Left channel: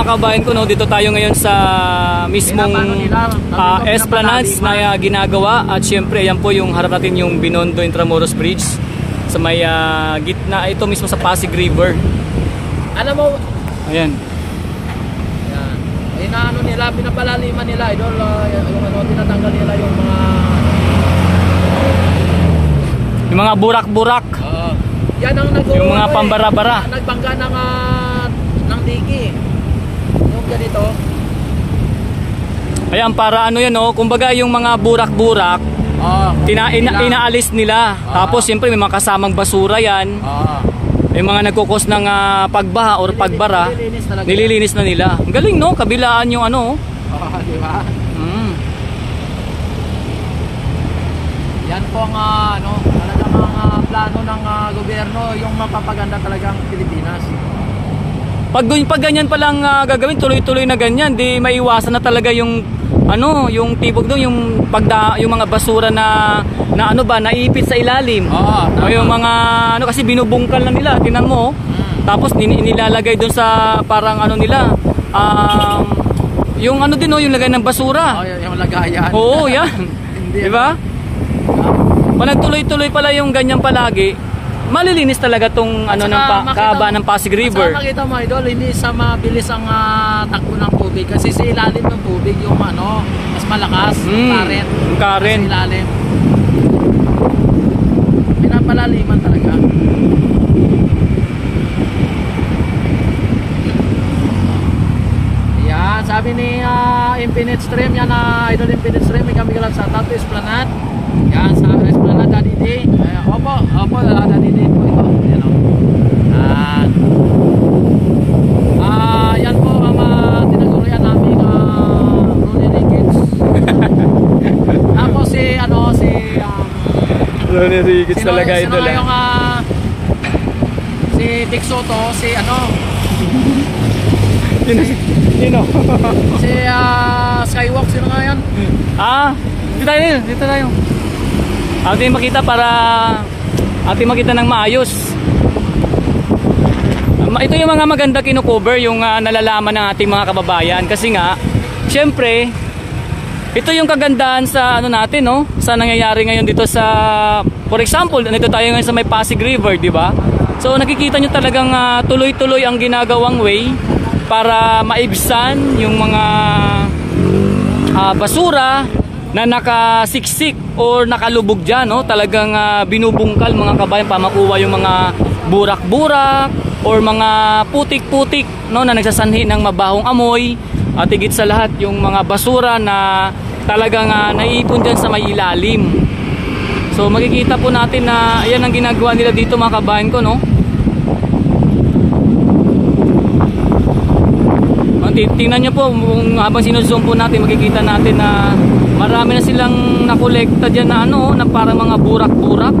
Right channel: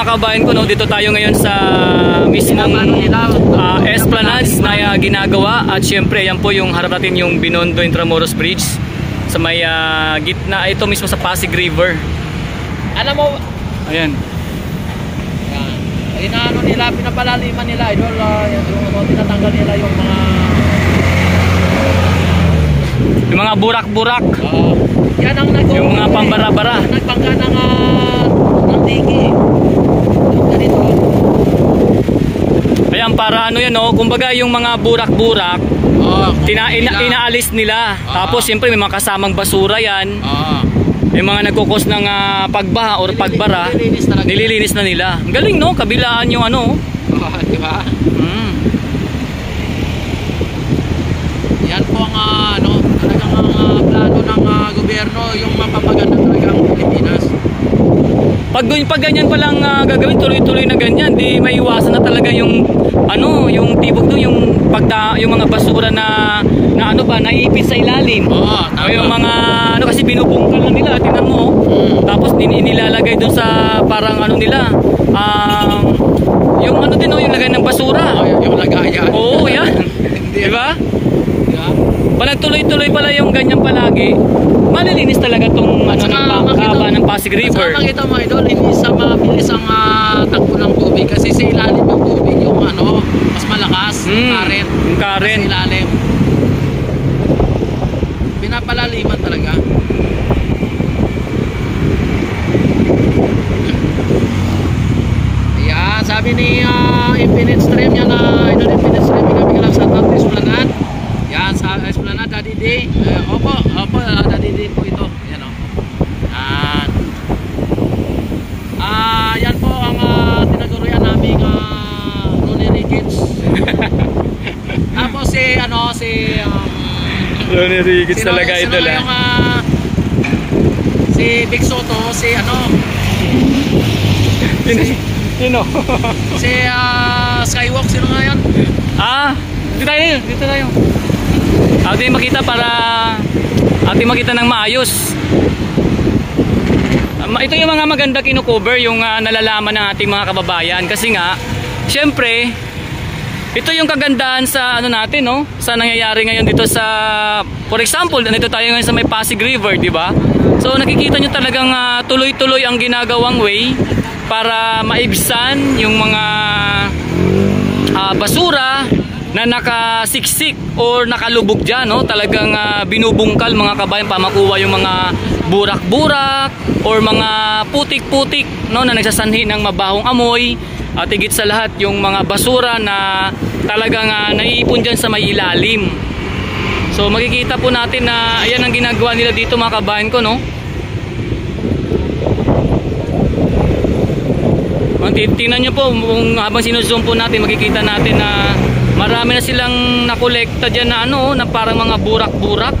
mga kabayan ko, no, dito tayo ngayon sa mismong Esplanade na ginagawa. At syempre, yan po yung harap natin yung Binondo Intramuros Bridge sa may gitna, ito mismo sa Pasig River. Alam mo, ayan. Yan. Inaano nila, pinapalaliman nila, idol, yung ano, tinatanggal nila yung mga burak-burak. Yan ang yung mga pambara-bara. Nagbangga ng digi. Yung ganito. Ayan, para ano yan, no? Kumbaga yung mga burak-burak, inaalis nila. Tapos siyempre may mga kasamang basura yan. Yung mga nagkukos ng pagbaha or pagbara, nililinis na nila. Ang galing, no? Kabilaan yung ano. Diba? Yan po ang talagang plano ng gobyerno, yung mapapaganda talaga ang Pilipinas. Pag ganyan pa lang gagawin, tuloy-tuloy na ganyan, di maiwasan na talaga yung yung tibok doon, yung mga basura na naipit sa ilalim. O yung mga kasi binubungkal lang nila, tingnan mo. Tapos nilalagay doon sa parang nila, yung din yung lagay ng basura. Yung lagayan. Oo, yan. Di ba? Pag nagtuloy-tuloy pala yung ganyan palagi, malilinis talaga tong kahaba ng Pasig River. Saka makita mo, idol, hindi sa mabilis ang takbo ng tubig kasi sa ilalim ng tubig yung mas malakas, current. Yung current. Sa ilalim. Pinapalaliman talaga. Ayan, sabi ni Infinite Stream, yan idol, Infinite Stream, kami lang sa Tapo Esplanade. Yan, sa Esplanade, Daddy D. Opo, Daddy D po ito. Yan o. Yan po ang tinuturuan namin Ronnie Ricketts. Tapos si Ronnie Ricketts talaga idol si Big Soto, si Sino? Si Skywalk, sino nga yan? Dito tayo. Ating makita makita ng maayos. Ito yung mga maganda kino-cover, yung nalalaman ng ating mga kababayan. Kasi nga, syempre, ito yung kagandahan sa natin, no? Sa nangyayari ngayon dito sa, for example, nandito tayo ngayon sa may Pasig River, di ba? So nakikita nyo talagang tuloy-tuloy ang ginagawang way para maibsan yung mga basura na nakasiksik or nakalubog dyan, no? Talagang binubungkal mga kabayan para makuha yung mga burak-burak or mga putik-putik, no, na nagsasanhi ng mabahong amoy. At higit sa lahat yung mga basura na talagang naiipon dyan sa may ilalim. So makikita po natin na ayan ang ginagawa nila dito mga kabayan ko, no? Tingnan nyo po, habang sinuzoom po natin, makikita natin na marami na silang nakolekta dyan na na parang mga burak-burak.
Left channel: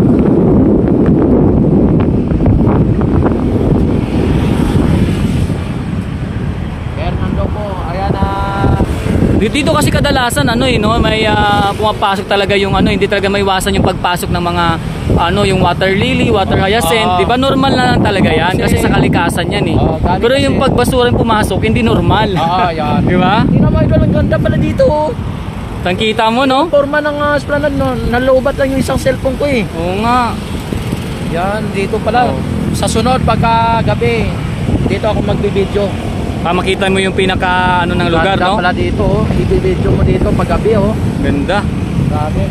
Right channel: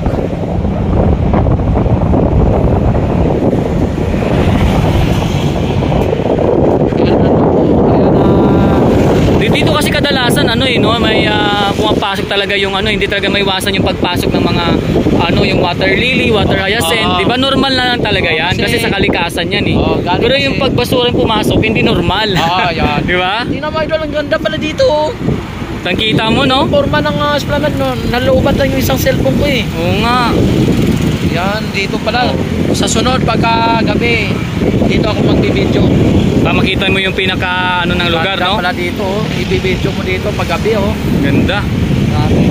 Dito kasi kadalasan may pumapasok talaga yung hindi talaga maiwasan yung pagpasok ng mga yung water lily, water hyacinth. Di ba normal na lang talaga yan kasi sa kalikasan yan pero yung pagbasura yung pumasok hindi normal. Yan. Di ba? Hindi naman idol, ang ganda pala dito. Tangkita mo, no? Forma ng Esplanade, no? Naloobat lang yung isang cellphone ko Oo nga. Yan, dito pala. Sa sunod, pagka gabi, dito ako magbibideo. Makita mo yung pinaka ng lugar, no? Pala dito, ibibideo mo dito pag gabi, Ganda. Grabe.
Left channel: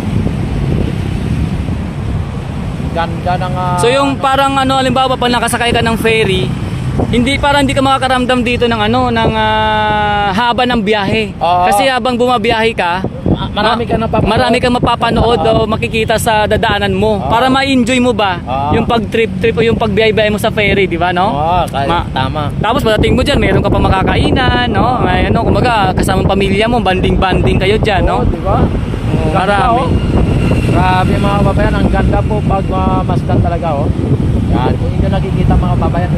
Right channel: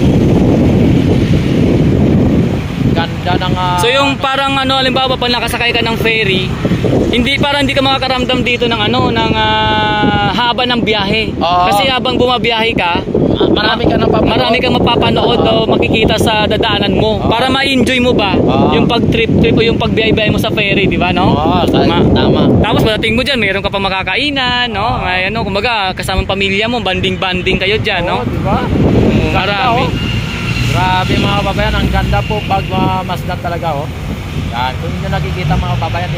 Ganda ng So yung parang halimbawa pag nakasakay ka ng ferry, hindi ka makakaramdam dito ng haba ng biyahe. Kasi habang bumabiyahe ka, marami kang mapapanood o makikita sa dadaanan mo para ma-enjoy mo ba yung pag-trip o yung pagbiyahe mo sa ferry, di ba, no? Tama. Tapos pagdating mo diyan, mayroon ka pa makakainan, no? May kumbaga kasamang pamilya mo, banding kayo diyan, no? Diba? Marami. Grabe mga babayan, ang ganda po pag masdan talaga, Yan, kung hindi nakikita mga babayan,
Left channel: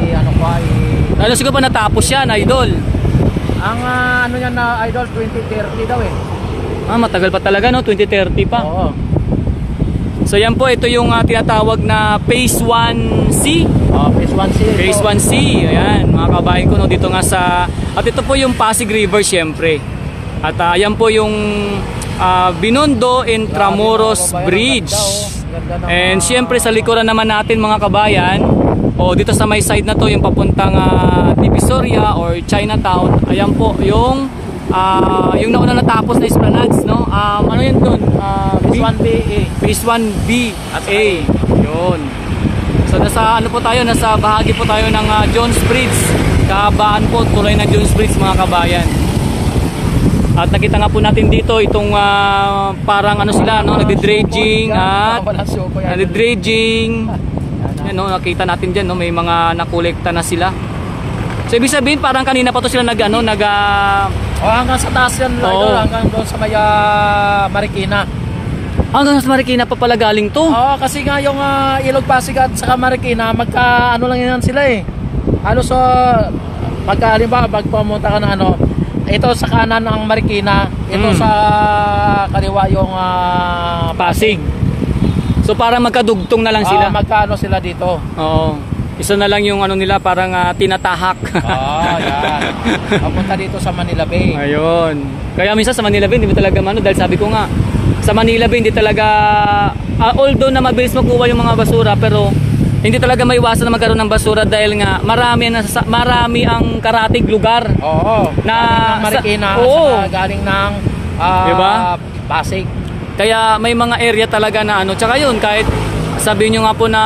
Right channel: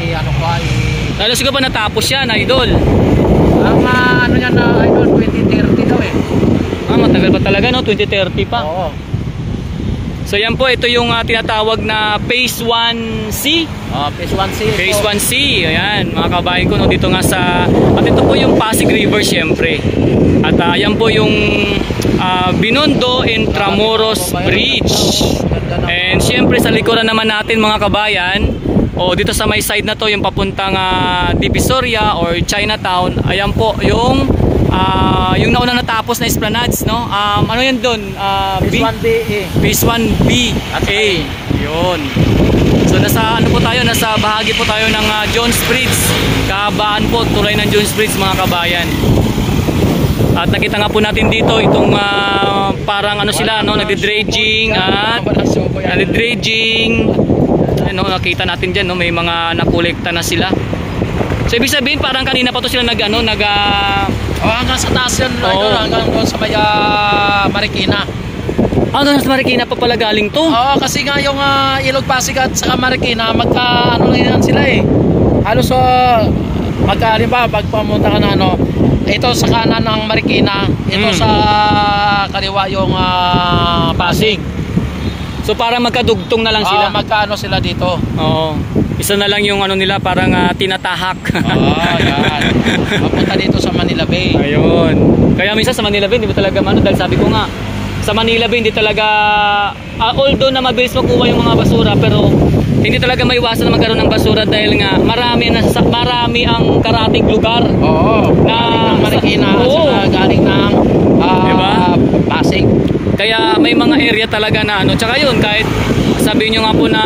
Lalo siguro pa natapos yan, idol. Ang yan na idol, 2030 daw matagal pa talaga, no? 2030 pa. Oo. So yan po, ito yung tinatawag na Phase 1C. Phase 1C. Phase 1C, ayan mga kabayan ko, no, dito nga sa, at ito po yung Pasig River syempre. At ayan po yung Binondo Intramuros Bridge. And syempre sa likuran naman natin mga kabayan, o dito sa may side na to, yung papuntang Divisoria or Chinatown, ayan po yung nauna natapos na Esplanades, no? Ano yan doon? Phase 1B. Phase 1B. A. Yun. So nasa ano po tayo, nasa bahagi po tayo ng Jones Bridge. Kahabaan po, tulay ng Jones Bridge mga kabayan. At nakita nga po natin dito itong parang ano sila, no, nagdi-dredging at nagdi-dredging. Ano, nakita natin diyan, no, may mga nakolekta na sila. So ibig sabihin parang kanina pa to sila hanggang sa taas yan, hanggang doon sa may Marikina. Hanggang sa Marikina pa pala galing to? Oo, kasi nga yung Ilog Pasig at saka Marikina, ano lang yan sila eh. So, halimbawa, pag pumunta ka ng ito sa kanan ng Marikina, ito sa kaliwa yung Pasig. So para magkadugtong na lang sila? Magkaano sila dito. Oo. Isa na lang yung ano nila, parang tinatahak. Yan. Papunta dito sa Manila Bay. Ayun. Kaya minsan sa Manila Bay, hindi talaga dahil sabi ko nga, sa Manila Bay, hindi talaga, although na mabilis makuha yung mga basura, pero hindi talaga maiwasan na magkaroon ng basura dahil nga marami ang karatig lugar. Oo. Na Marikina, galing ng diba? Pasig. Kaya may mga area talaga na tsaka yun, kahit sabihin nyo nga po na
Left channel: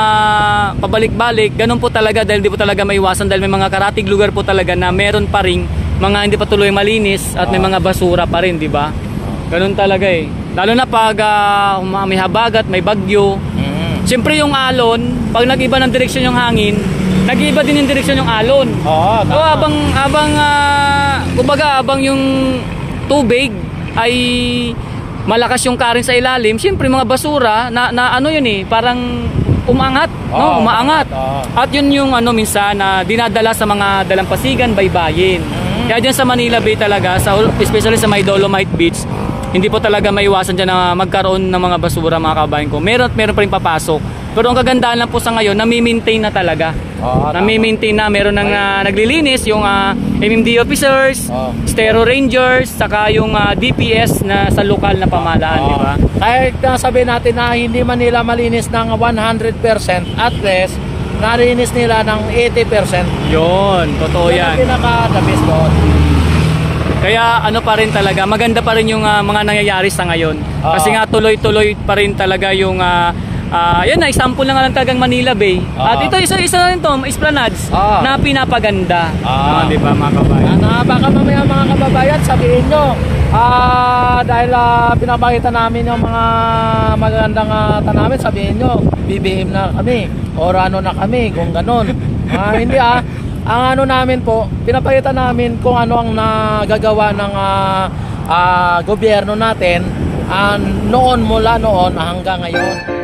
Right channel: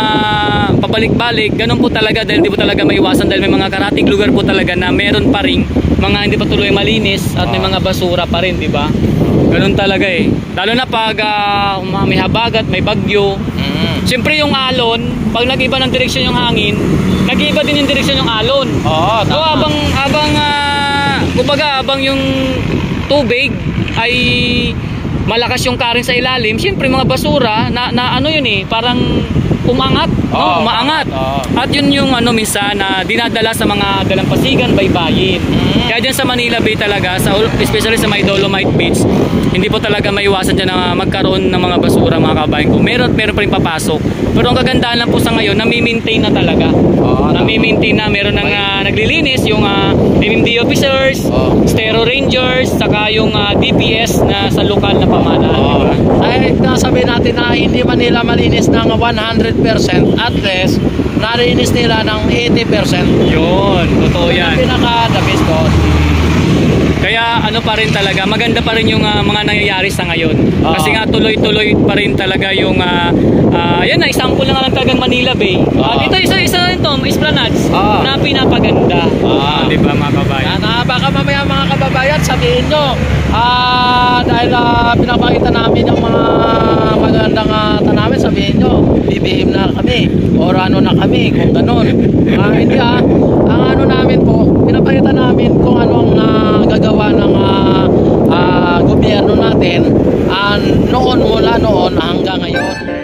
pabalik-balik, ganun po talaga dahil di po talaga maiwasan dahil may mga karatig lugar po talaga na meron pa rin mga hindi pa tuloy malinis at may mga basura pa rin, di ba? Ganun talaga eh. Lalo na pag may habagat, may bagyo. Siyempre yung alon, pag nag-iba ng direksyon yung hangin, nag-iba din yung direksyon yung alon. Oo, so habang yung tubig ay malakas yung current sa ilalim, siyempre mga basura na ano yun eh, parang umaangat, no? Umaangat. At yun yung minsan na dinadala sa mga dalampasigan, baybayin. Kaya dyan sa Manila Bay talaga, especially sa may Dolomite Beach, hindi po talaga maiwasan dyan na magkaroon ng mga basura mga kabayan ko. Meron pa rin papasok. Pero ang kagandahan lang po sa ngayon, nami-maintain na talaga. Nami-maintain na, meron nang naglilinis yung MMD officers, Stero Rangers, saka yung DPS na sa lokal na pamahalaan, di ba? Kahit sabihin natin na hindi man nila malinis ng 100%, at least narinis nila ng 80%. Yun, totoo yan. Yung pinaka-the best po. Kaya pa rin talaga, maganda pa rin yung mga nangyayari sa ngayon. Kasi nga tuloy-tuloy pa rin talaga yung yan na, example na nga lang tagang Manila Bay. At ito isa na rin to, Esplanades na pinapaganda. Di ba mga kabayan? Baka mamaya mga kababayan, sabihin nyo, dahil pinapakita namin yung mga magandang tanamin, sabihin nyo, bibihim na kami, or na kami, kung ganun. Hindi ang namin po, pinapakita namin kung ano ang nagagawa ng gobyerno natin mula noon hanggang ngayon.